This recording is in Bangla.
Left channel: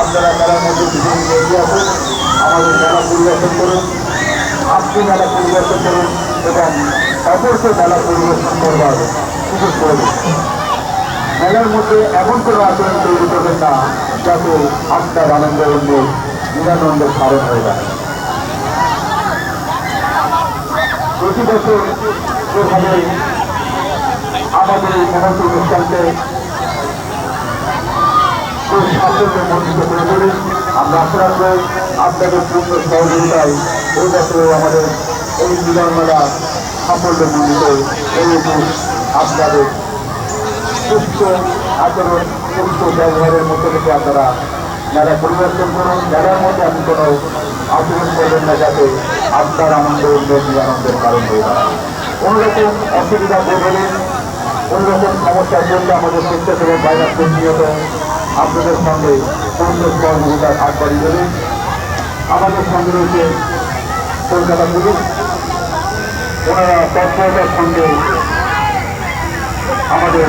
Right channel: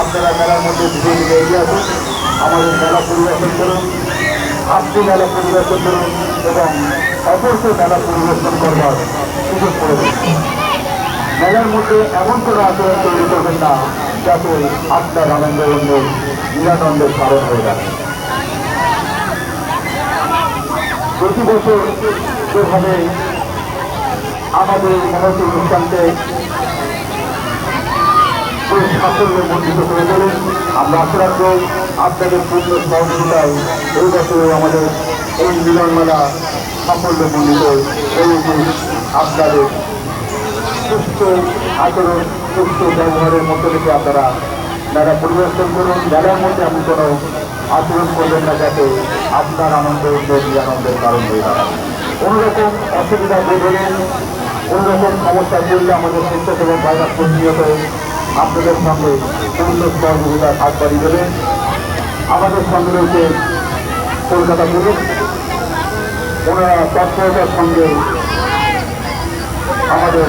আপনারা মেলার মধ্যে বিশেষ এগিয়ে আসুন, আমাদের মেলা পরিদর্শন করুন, আপনি মেলা পরিদর্শন করুন এবং অপরকে মেলা পরিদর্শন করবার সুযোগ করে দিন। মেলার মধ্যে এমন কোনো আচরণ তৈরি করবেন না যাতে আপনার আনন্দ অন্য নিরানন্দের কারণ হয়ে যায়। প্রতি বছর যেভাবে আমাদের মহৎ অনুষ্ঠানকে সাফল্য মণ্ডিত করে তোলেন, আমরা আশা রাখবো আপনাদের পূর্ণ সহযোগিতায় এই বছরে আমাদের এই মিলন মেলা সাফল্য মণ্ডিত এই আপনাদের সুস্থ আচরণ, সুস্থ ব্যবহারের মধ্যে থেকে আপনারা মেলা পরিবর্তন করুন। মেলার মধ্যে এমন কোনো আচরণ করবেন না যাতে আপনার আনন্দ আনন্দের কারণ হয়ে দাঁড়ায়। কোনোরকম অসুবিধা বোধ হলেন, কোনোরকম সমস্যা চললে আমাদের স্বেচ্ছাসেবক বাইরে প্রতিনিয়ত আপনাদের সঙ্গে পূর্ণ সহযোগিতার হাত বাড়িয়ে দেবেন। আমাদের সঙ্গে রয়েছে কলকাতা পুলিশ, ওনারা তৎপরতার সঙ্গে আমাদের